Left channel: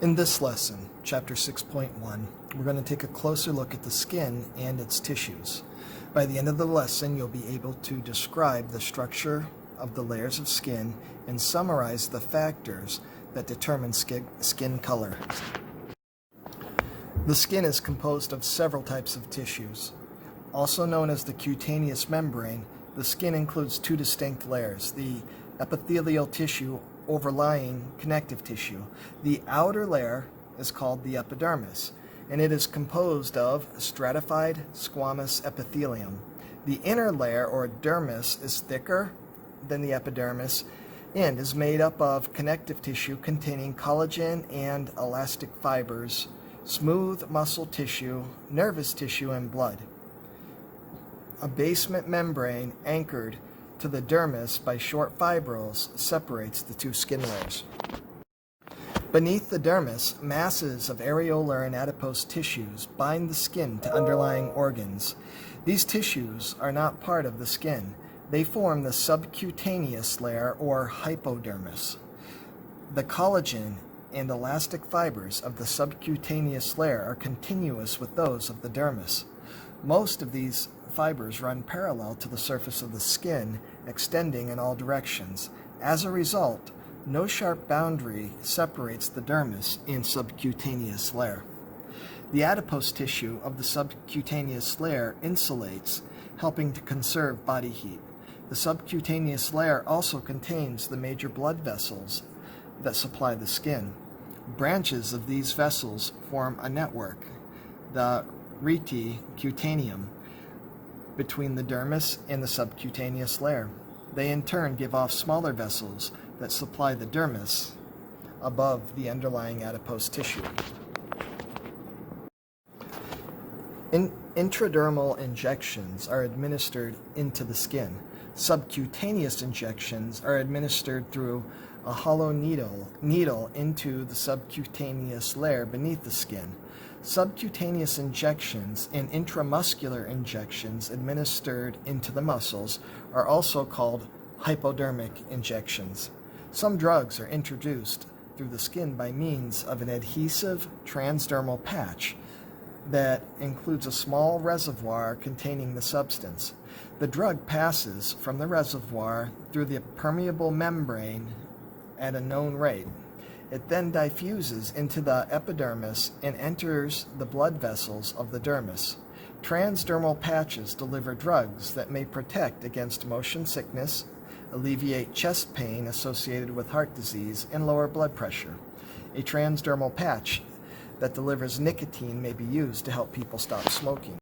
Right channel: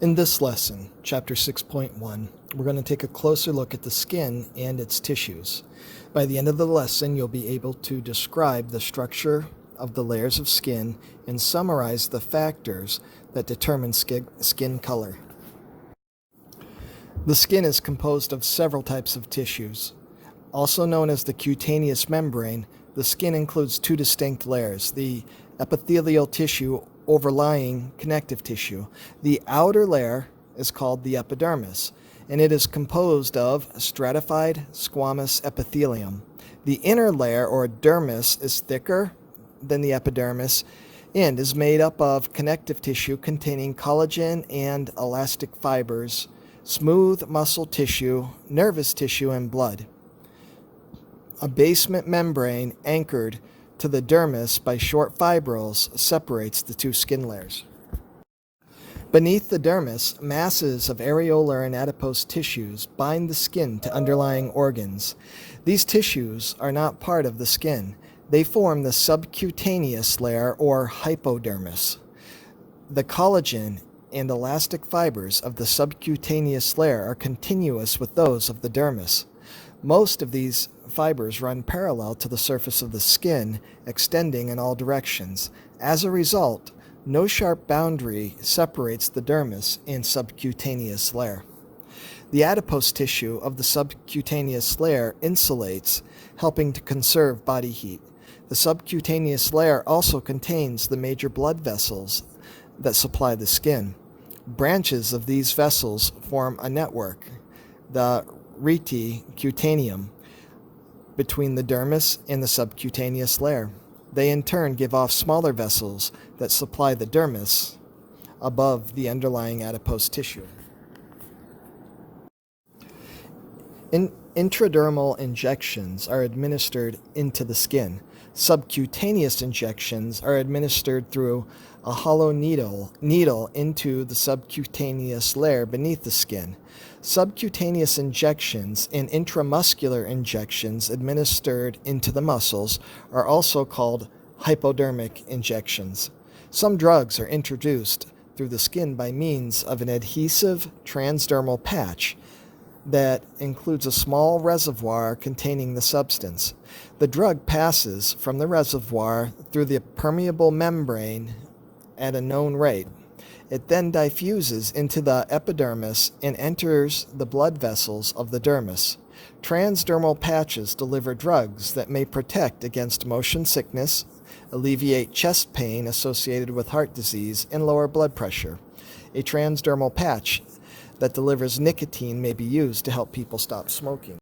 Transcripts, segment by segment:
In this lesson, Chapter 6.1, we're going to take a closer look at the skin and its tissues. By the end of the lesson, you'll be able to describe the structure of the layers of skin and summarize the factors that determine skin color. The skin is composed of several types of tissues. Also known as the cutaneous membrane, the skin includes two distinct layers, the epithelial tissue overlying connective tissue. The outer layer is called the epidermis, and it is composed of stratified squamous epithelium. The inner layer, or dermis, is thicker than the epidermis and is made up of connective tissue containing collagen and elastic fibers, smooth muscle tissue, nervous tissue, and blood. A basement membrane anchored to the dermis by short fibrils separates the two skin layers. Beneath the dermis, masses of areolar and adipose tissues bind the skin to underlying organs. These tissues are not part of the skin. They form the subcutaneous layer, or hypodermis. The collagen and elastic fibers of the subcutaneous layer are continuous with those of the dermis. Most of these fibers run parallel to the surface of the skin, extending in all directions. As a result, no sharp boundary separates the dermis and subcutaneous layer. The adipose tissue of the subcutaneous layer insulates, helping to conserve body heat. The subcutaneous layer also contains the major blood vessels that supply the skin. Branches of these vessels form a network, the rete cutaneum, between the dermis and the subcutaneous layer. They in turn give off smaller vessels that supply the dermis above the underlying adipose tissue. Intradermal injections are administered into the skin. Subcutaneous injections are administered through a hollow needle into the subcutaneous layer beneath the skin. Subcutaneous injections and intramuscular injections administered into the muscles are also called hypodermic injections. Some drugs are introduced through the skin by means of an adhesive transdermal patch that includes a small reservoir containing the substance. The drug passes from the reservoir through the permeable membrane at a known rate. It then diffuses into the epidermis and enters the blood vessels of the dermis. Transdermal patches deliver drugs that may protect against motion sickness, alleviate chest pain associated with heart disease, and lower blood pressure. A transdermal patch that delivers nicotine may be used to help people stop smoking.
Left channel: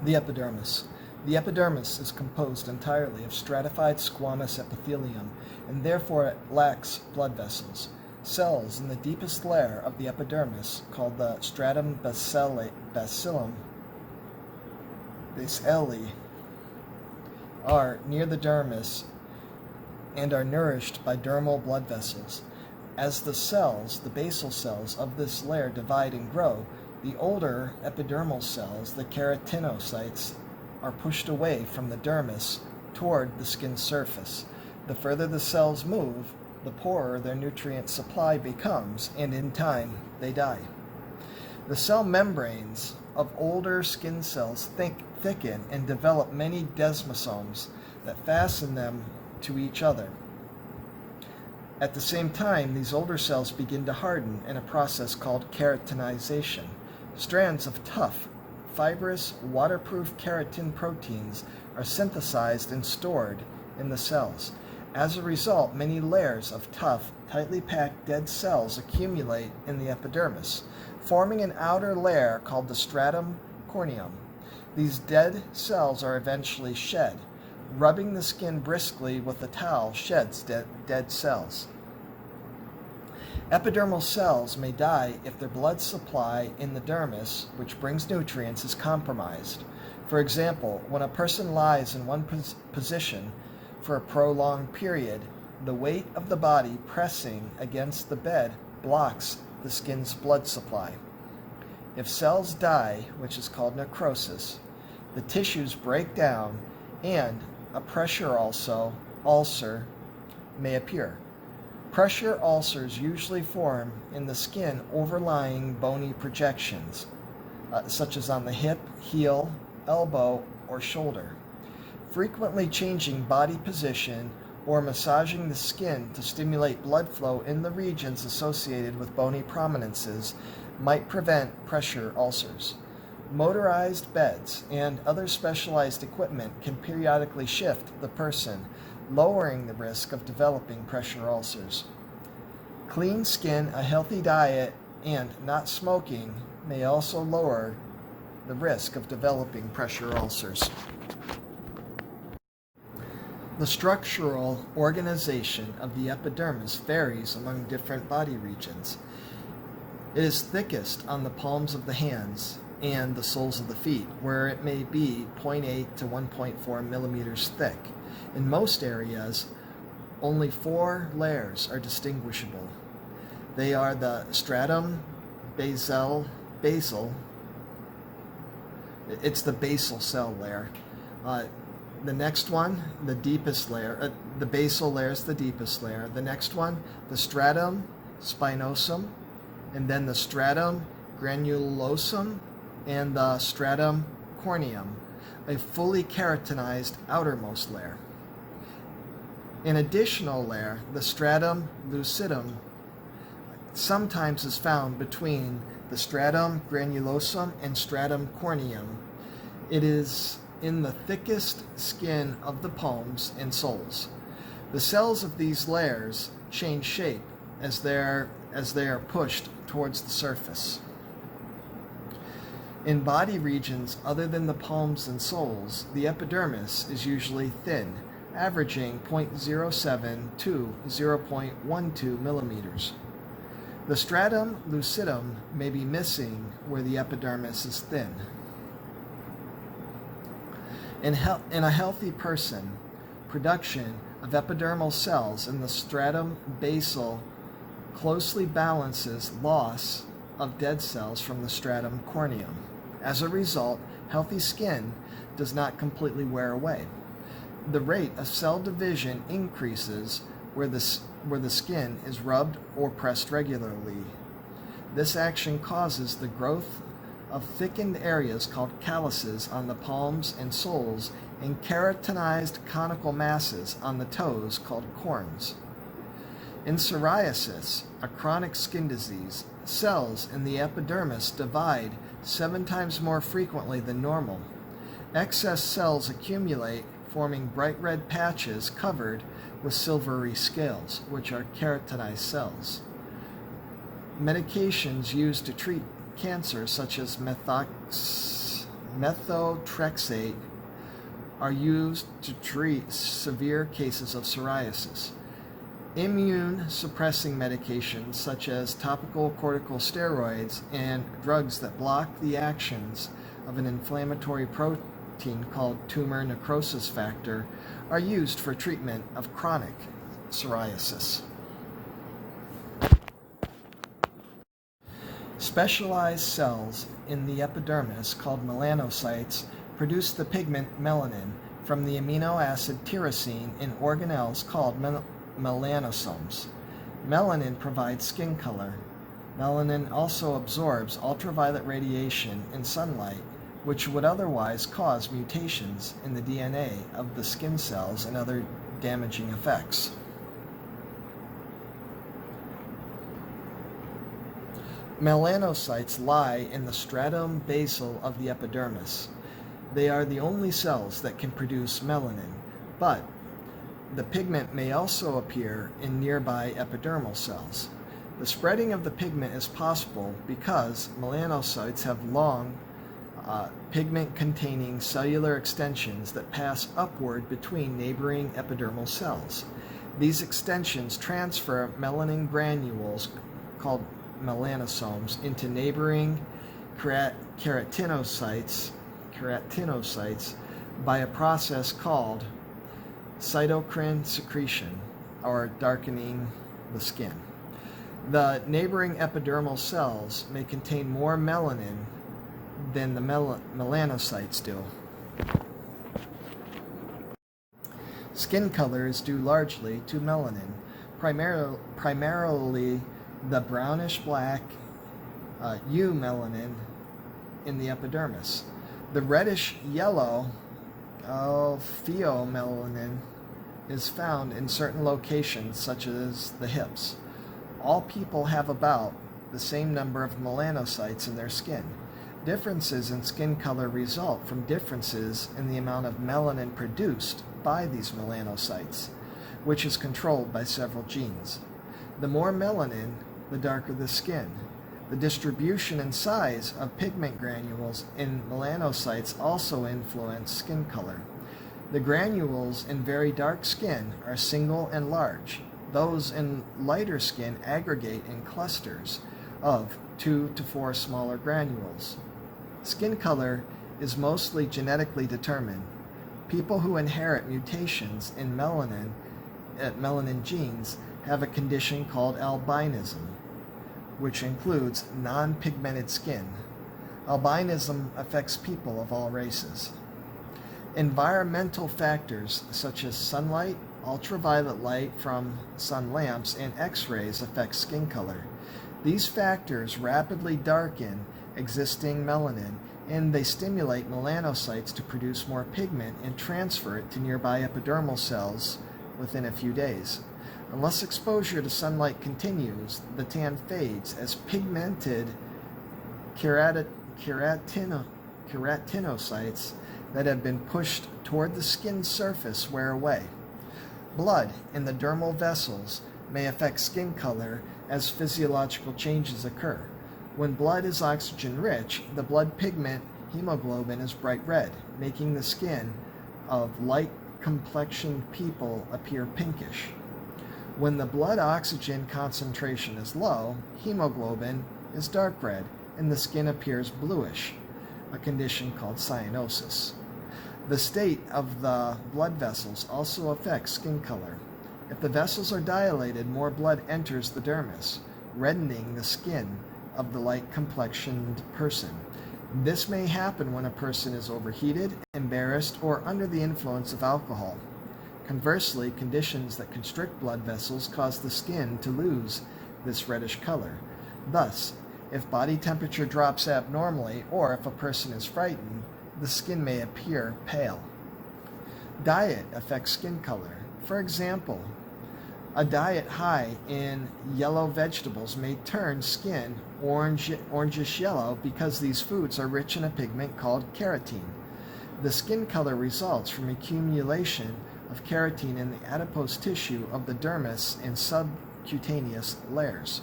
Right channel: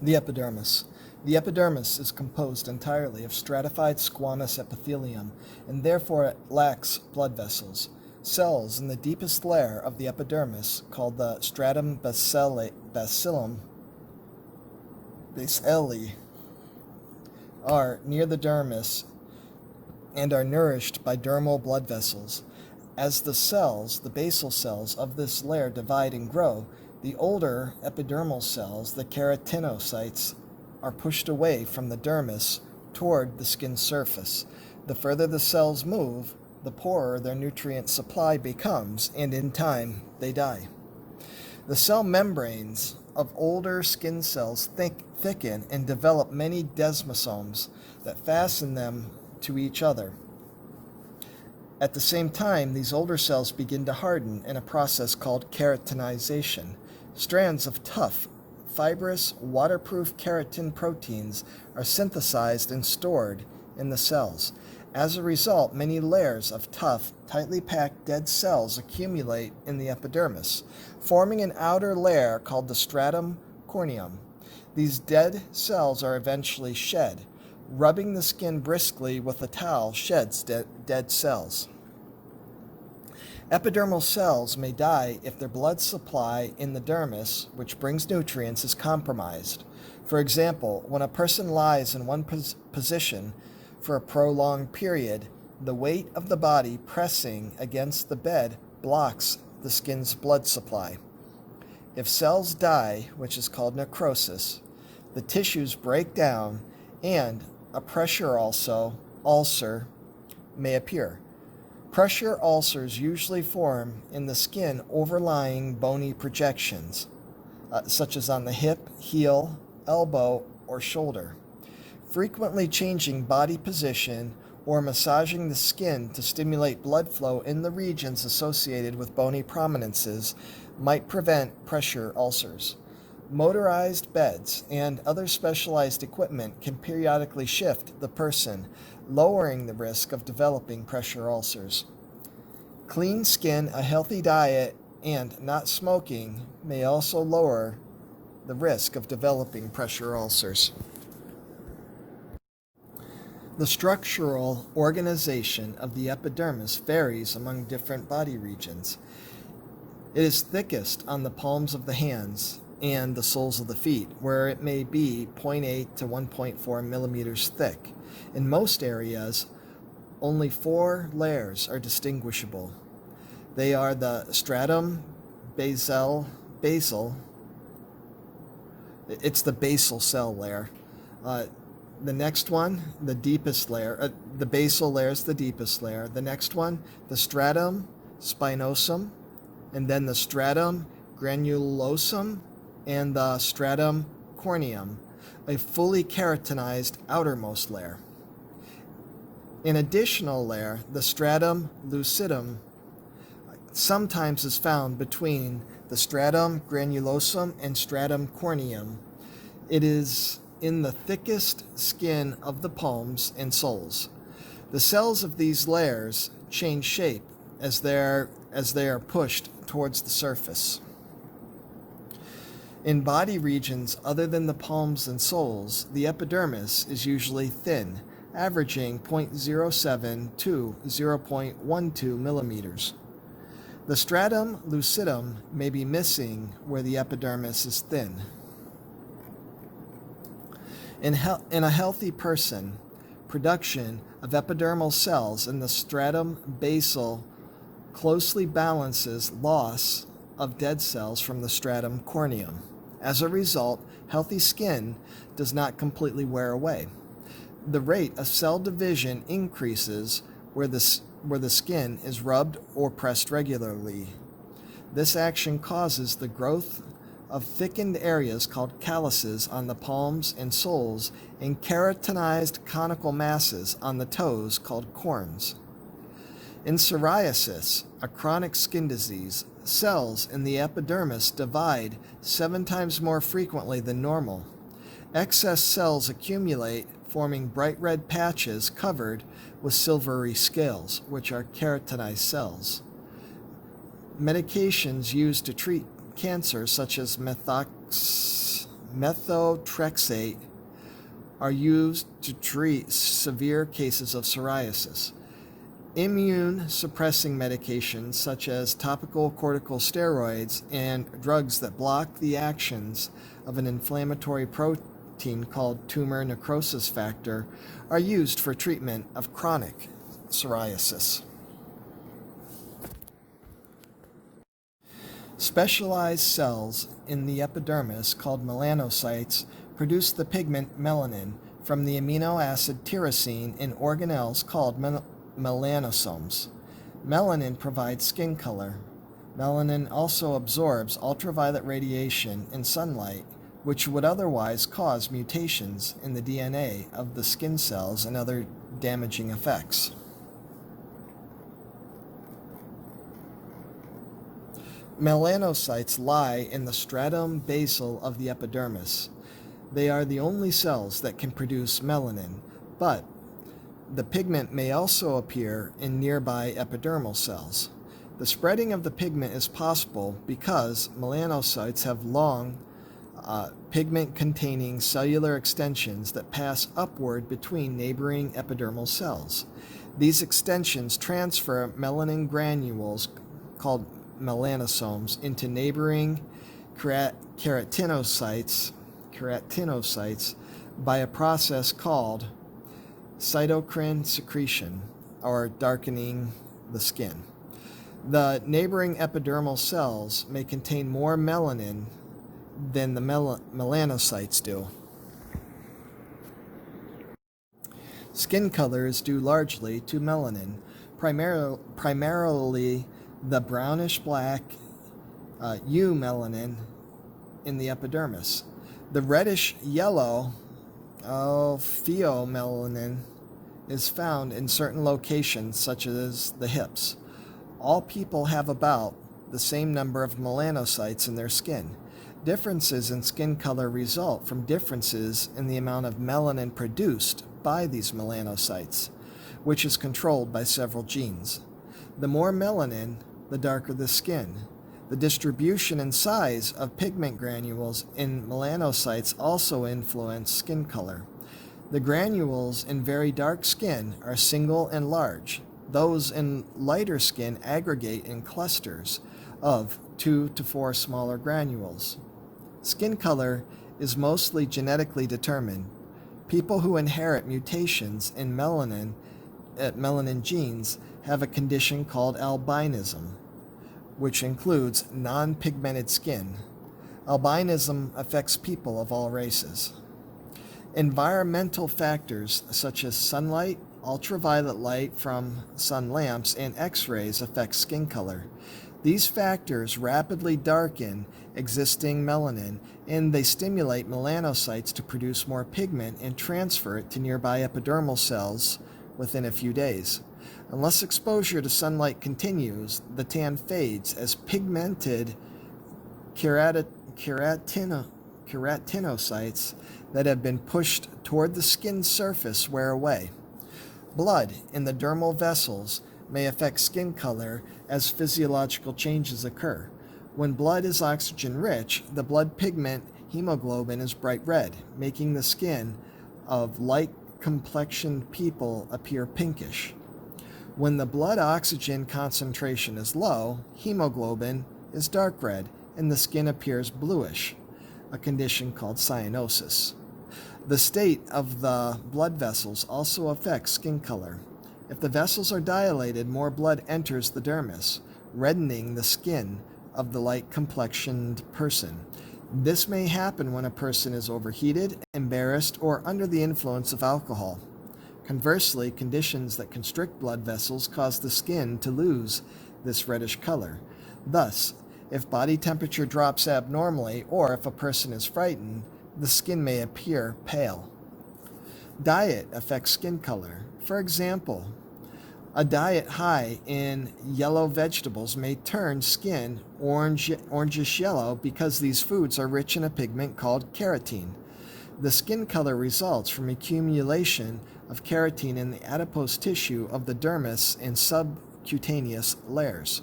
The epidermis. The epidermis is composed entirely of stratified squamous epithelium, and therefore it lacks blood vessels. Cells in the deepest layer of the epidermis, called the stratum bacilli, are near the dermis and are nourished by dermal blood vessels. As the basal cells of this layer divide and grow, the older epidermal cells, the keratinocytes, are pushed away from the dermis toward the skin surface. The further the cells move, the poorer their nutrient supply becomes, and in time, they die. The cell membranes of older skin cells thicken and develop many desmosomes that fasten them to each other. At the same time, these older cells begin to harden in a process called keratinization. Strands of tough, fibrous, waterproof keratin proteins are synthesized and stored in the cells. As a result, many layers of tough, tightly packed dead cells accumulate in the epidermis, forming an outer layer called the stratum corneum. These dead cells are eventually shed. Rubbing the skin briskly with a towel sheds dead cells. Epidermal cells may die if their blood supply in the dermis, which brings nutrients, is compromised. For example, when a person lies in one position for a prolonged period, the weight of the body pressing against the bed blocks the skin's blood supply. If cells die, which is called necrosis, the tissues break down and a pressure ulcer may appear. Pressure ulcers usually form in the skin overlying bony projections, such as on the hip, heel, elbow, or shoulder. Frequently changing body position or massaging the skin to stimulate blood flow in the regions associated with bony prominences might prevent pressure ulcers. Motorized beds and other specialized equipment can periodically shift the person, lowering the risk of developing pressure ulcers. Clean skin, a healthy diet, and not smoking may also lower the risk of developing pressure ulcers. The structural organization of the epidermis varies among different body regions. It is thickest on the palms of the hands and the soles of the feet, where it may be 0.8 to 1.4 millimeters thick. In most areas, only 4 layers are distinguishable. They are the stratum basal, it's the basal cell layer. The next one, the deepest layer, the basal layer is the deepest layer. The next one, the stratum spinosum, and then the stratum granulosum, and the stratum corneum, a fully keratinized outermost layer. An additional layer, the stratum lucidum, sometimes is found between the stratum granulosum and stratum corneum. It is in the thickest skin of the palms and soles. The cells of these layers change shape as they are pushed towards the surface. In body regions other than the palms and soles, the epidermis is usually thin, averaging 0.07 to 0.12 millimeters. The stratum lucidum may be missing where the epidermis is thin. In a healthy person, production of epidermal cells in the stratum basal closely balances loss of dead cells from the stratum corneum. As a result, healthy skin does not completely wear away. The rate of cell division increases where the skin is rubbed or pressed regularly. This action causes the growth of thickened areas called calluses on the palms and soles and keratinized conical masses on the toes called corns. In psoriasis, a chronic skin disease, cells in the epidermis divide 7 times more frequently than normal. Excess cells accumulate, forming bright red patches covered with silvery scales, which are keratinized cells. Medications used to treat cancer, such as methotrexate, are used to treat severe cases of psoriasis. Immune suppressing medications, such as topical corticosteroids and drugs that block the actions of an inflammatory protein called tumor necrosis factor, are used for treatment of chronic psoriasis. Specialized cells in the epidermis, called melanocytes, produce the pigment melanin from the amino acid tyrosine in organelles called melanosomes. Melanin provides skin color. Melanin also absorbs ultraviolet radiation and sunlight, which would otherwise cause mutations in the DNA of the skin cells and other damaging effects. Melanocytes lie in the stratum basal of the epidermis. They are the only cells that can produce melanin, but the pigment may also appear in nearby epidermal cells. The spreading of the pigment is possible because melanocytes have long, pigment-containing cellular extensions that pass upward between neighboring epidermal cells. These extensions transfer melanin granules, called melanosomes, into neighboring keratinocytes by a process called cytokine secretion, or darkening the skin. The neighboring epidermal cells may contain more melanin than the melanocytes do. Skin color is due largely to melanin. primarily the brownish-black eumelanin in the epidermis. The reddish-yellow pheomelanin is found in certain locations, such as the hips. All people have about the same number of melanocytes in their skin. Differences in skin color result from differences in the amount of melanin produced by these melanocytes, which is controlled by several genes. The more melanin, the darker the skin. The distribution and size of pigment granules in melanocytes also influence skin color. The granules in very dark skin are single and large. Those in lighter skin aggregate in clusters of 2 to 4 smaller granules. Skin color is mostly genetically determined. People who inherit mutations in melanin genes have a condition called albinism, which includes non-pigmented skin. Albinism affects people of all races. Environmental factors such as sunlight, ultraviolet light from sun lamps, and X-rays affect skin color. These factors rapidly darken existing melanin, and they stimulate melanocytes to produce more pigment and transfer it to nearby epidermal cells within a few days. Unless exposure to sunlight continues, the tan fades as pigmented keratinocytes that have been pushed toward the skin surface wear away. Blood in the dermal vessels may affect skin color as physiological changes occur. When blood is oxygen-rich, the blood pigment hemoglobin is bright red, making the skin of light-complexioned people appear pinkish. When the blood oxygen concentration is low, hemoglobin is dark red, and the skin appears bluish, a condition called cyanosis. The state of the blood vessels also affects skin color. If the vessels are dilated, more blood enters the dermis, reddening the skin of the light-complexioned person. This may happen when a person is overheated, embarrassed, or under the influence of alcohol. Conversely, conditions that constrict blood vessels cause the skin to lose this reddish color. Thus, if body temperature drops abnormally, or if a person is frightened, the skin may appear pale. Diet affects skin color. For example, a diet high in yellow vegetables may turn skin orangish yellow because these foods are rich in a pigment called carotene. The skin color results from accumulation of carotene in the adipose tissue of the dermis and subcutaneous layers.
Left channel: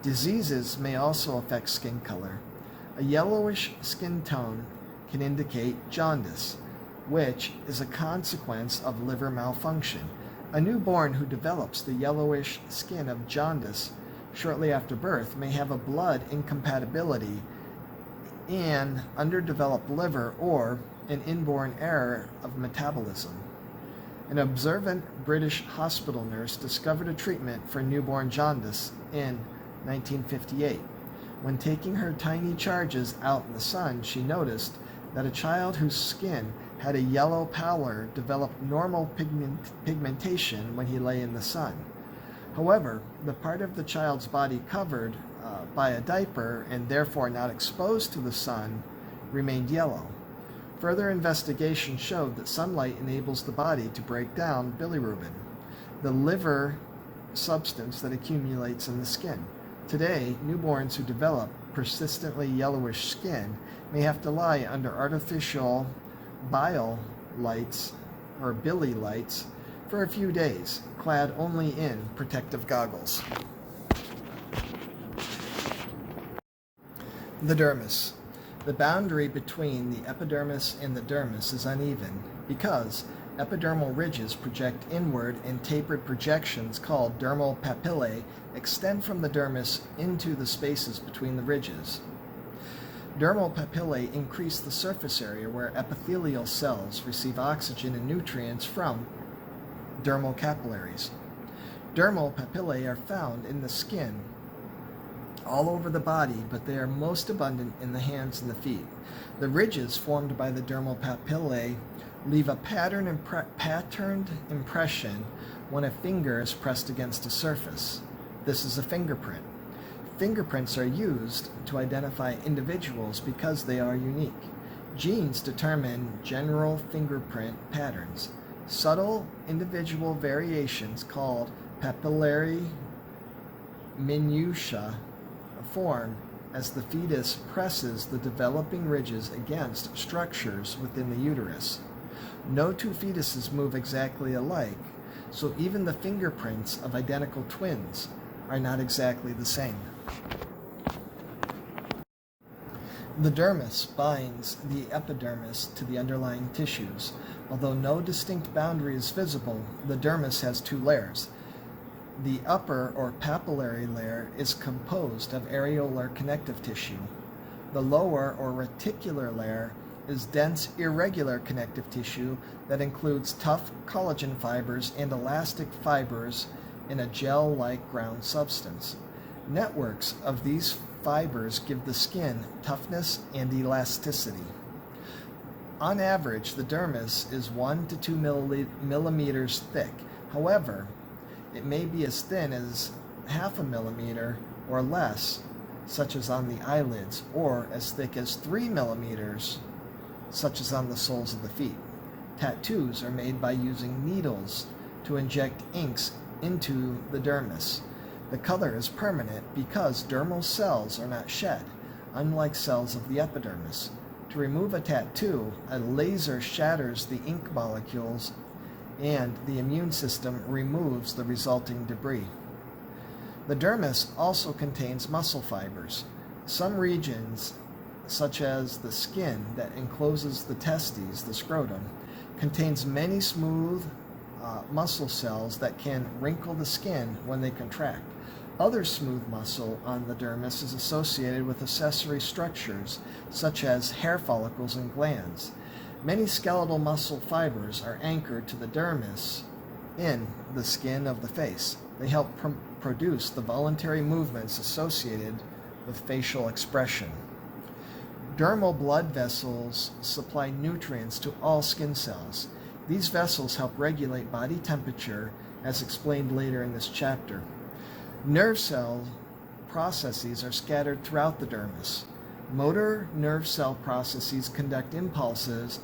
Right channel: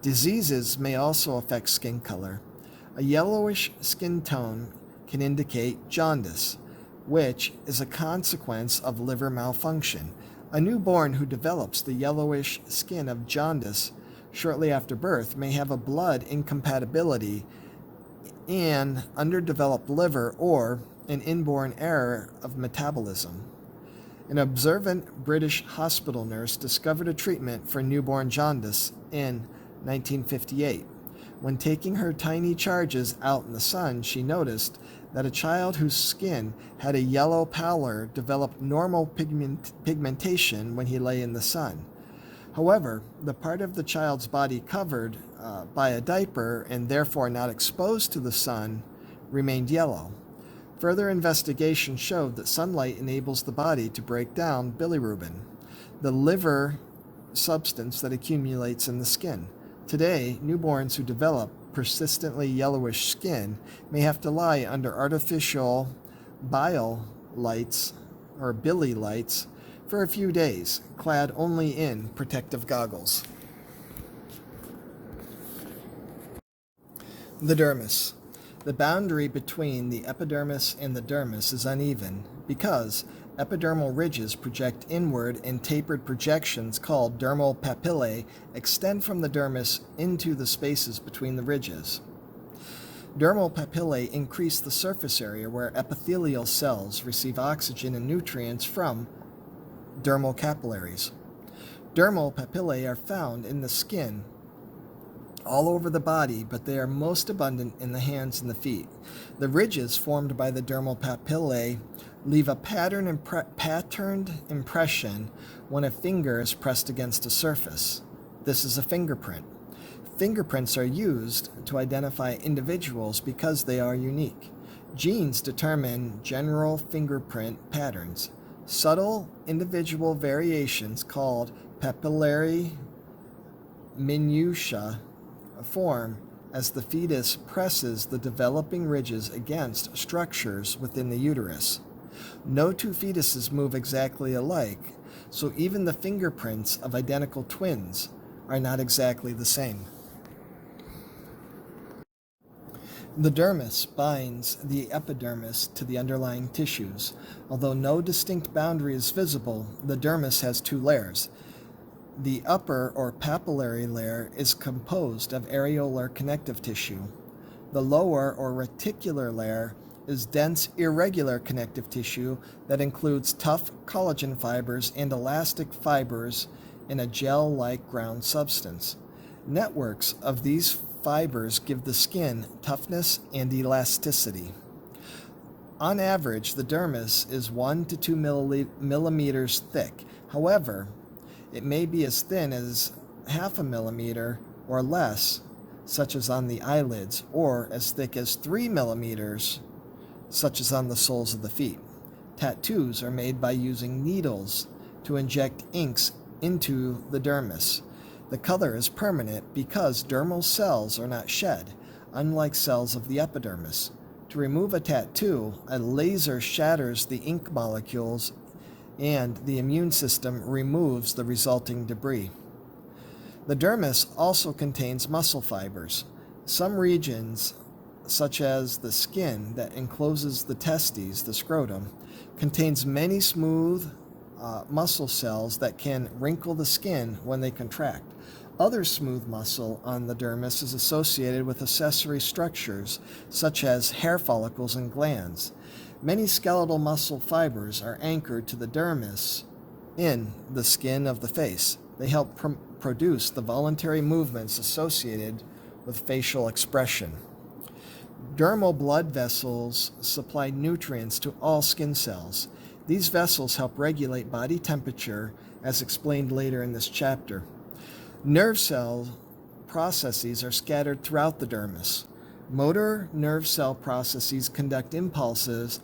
Diseases may also affect skin color. A yellowish skin tone can indicate jaundice, which is a consequence of liver malfunction. A newborn who develops the yellowish skin of jaundice shortly after birth may have a blood incompatibility, an underdeveloped liver, or an inborn error of metabolism. An observant British hospital nurse discovered a treatment for newborn jaundice in 1958. When taking her tiny charges out in the sun, she noticed that a child whose skin had a yellow pallor developed normal pigmentation when he lay in the sun. However, the part of the child's body covered by a diaper and therefore not exposed to the sun remained yellow. Further investigation showed that sunlight enables the body to break down bilirubin, the liver substance that accumulates in the skin. Today, newborns who develop persistently yellowish skin may have to lie under artificial bile lights or Billy lights for a few days, clad only in protective goggles. The dermis. The boundary between the epidermis and the dermis is uneven because epidermal ridges project inward and tapered projections called dermal papillae extend from the dermis into the spaces between the ridges. Dermal papillae increase the surface area where epithelial cells receive oxygen and nutrients from dermal capillaries. Dermal papillae are found in the skin all over the body, but they are most abundant in the hands and the feet. The ridges formed by the dermal papillae leave a patterned impression when a finger is pressed against a surface. This is a fingerprint. Fingerprints are used to identify individuals because they are unique. Genes determine general fingerprint patterns. Subtle individual variations called papillary minutiae form as the fetus presses the developing ridges against structures within the uterus. No two fetuses move exactly alike, so even the fingerprints of identical twins are not exactly the same. The dermis binds the epidermis to the underlying tissues. Although no distinct boundary is visible, the dermis has two layers. The upper or papillary layer is composed of areolar connective tissue. The lower or reticular layer is dense, irregular connective tissue that includes tough collagen fibers and elastic fibers in a gel-like ground substance. Networks of these fibers give the skin toughness and elasticity. On average, the dermis is 1 to 2 millimeters thick. However, it may be as thin as half a millimeter or less, such as on the eyelids, or as thick as 3 millimeters, such as on the soles of the feet. Tattoos are made by using needles to inject inks into the dermis. The color is permanent because dermal cells are not shed, unlike cells of the epidermis. To remove a tattoo, a laser shatters the ink molecules and the immune system removes the resulting debris. The dermis also contains muscle fibers. Some regions, such as the skin that encloses the testes, the scrotum, contains many smooth muscle cells that can wrinkle the skin when they contract. Other smooth muscle on the dermis is associated with accessory structures such as hair follicles and glands. Many skeletal muscle fibers are anchored to the dermis in the skin of the face. They help produce the voluntary movements associated with facial expression. Dermal blood vessels supply nutrients to all skin cells. These vessels help regulate body temperature, as explained later in this chapter. Nerve cell processes are scattered throughout the dermis. Motor nerve cell processes conduct impulses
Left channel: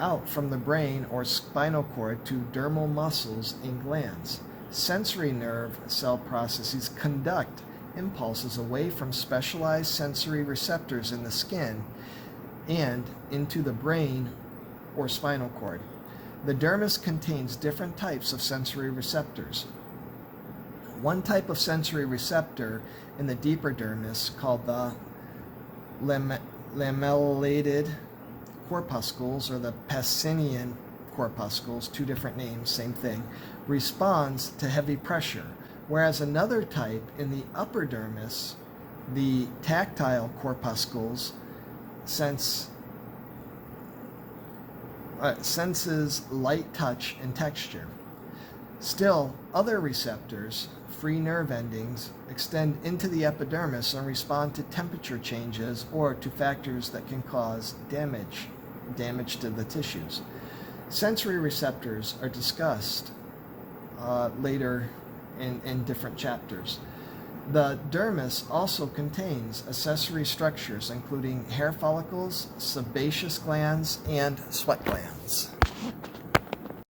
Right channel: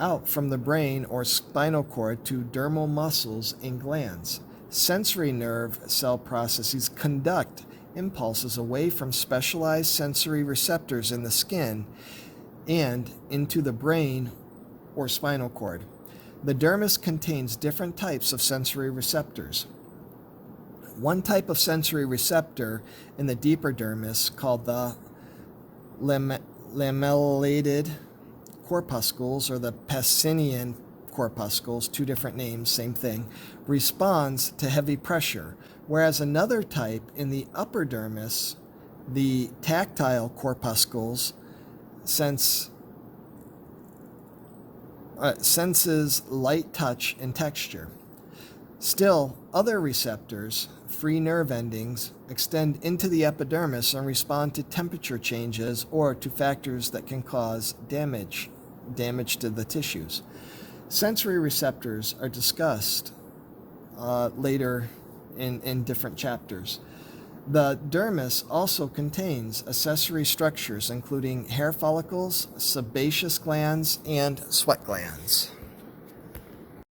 out from the brain or spinal cord to dermal muscles and glands. Sensory nerve cell processes conduct impulses away from specialized sensory receptors in the skin and into the brain or spinal cord. The dermis contains different types of sensory receptors. One type of sensory receptor in the deeper dermis, called the lamellated corpuscles or the Pacinian corpuscles, two different names, same thing, responds to heavy pressure, whereas another type in the upper dermis, the tactile corpuscles, senses light touch and texture. Still, other receptors, free nerve endings, extend into the epidermis and respond to temperature changes or to factors that can cause damage to the tissues. Sensory receptors are discussed later in different chapters. The dermis also contains accessory structures including hair follicles, sebaceous glands, and sweat glands.